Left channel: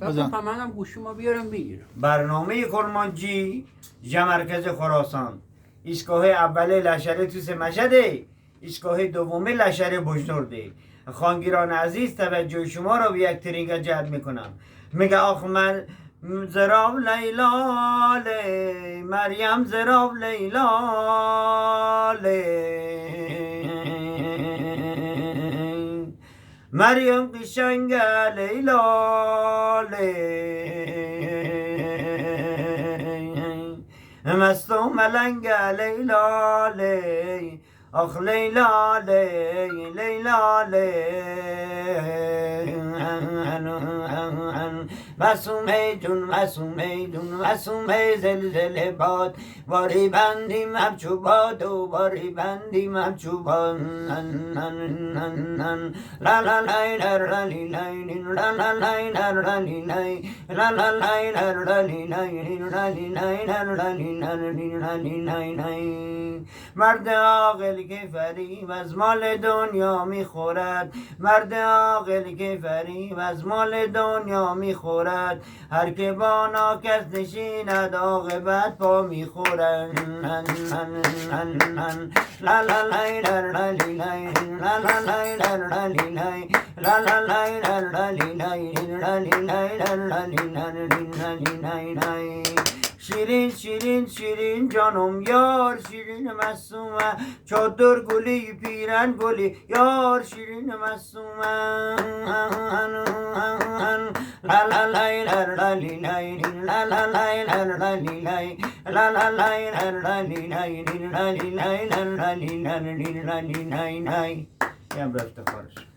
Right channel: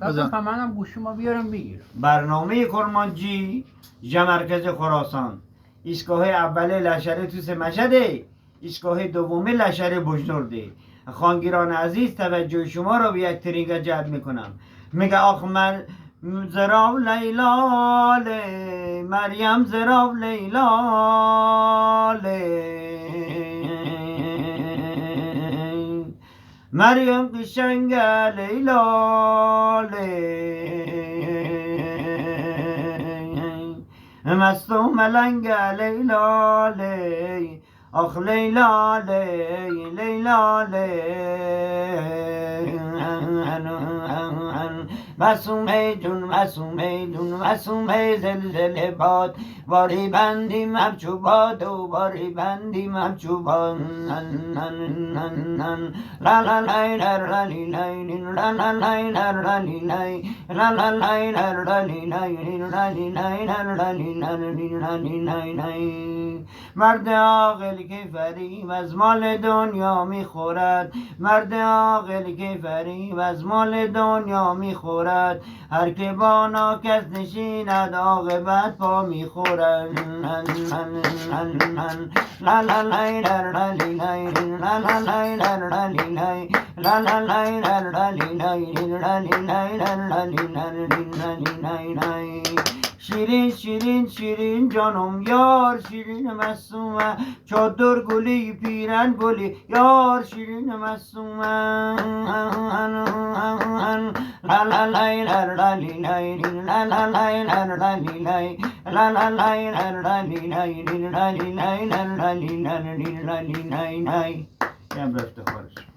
تا منم گوشی ما بیارم بگیر. برنامه کرمانجی مرکز خراسان، ایستگاه اول لشکر توس مشهده، ایستگاه دوم لشکر بجنورده. خانگیران عزیز توجه شما را به یک ترینگ جلب میکنم. میگه آخ من زراب لیلاله، مریم زراب لیلاله، مریم قشنگ لیلاله، مست و ملنگ لیلاله، آخ لیلاله لیلاله، مسومه جون مسومه جون مسومه زلزله باد، باری بندیم همچوباد و باری بندیم همچوباد. لا لا لا لا لا لا لا لا لا لا لا لا. مرد عاقل که فریب از مال دنیا میخورد، مرد عاقل که فریب از مال دنیا میخورد، هر که با ناکس نشیند عاقبت پا میخورد. لا لا لا لا لا لا لا لا. شیرین شیرین شیرین جانم یار، شیرین مصومه چادر گلی پیرن گلی یار، شیرین مصومه. لا لا لا لا لا لا لا لا لا لا.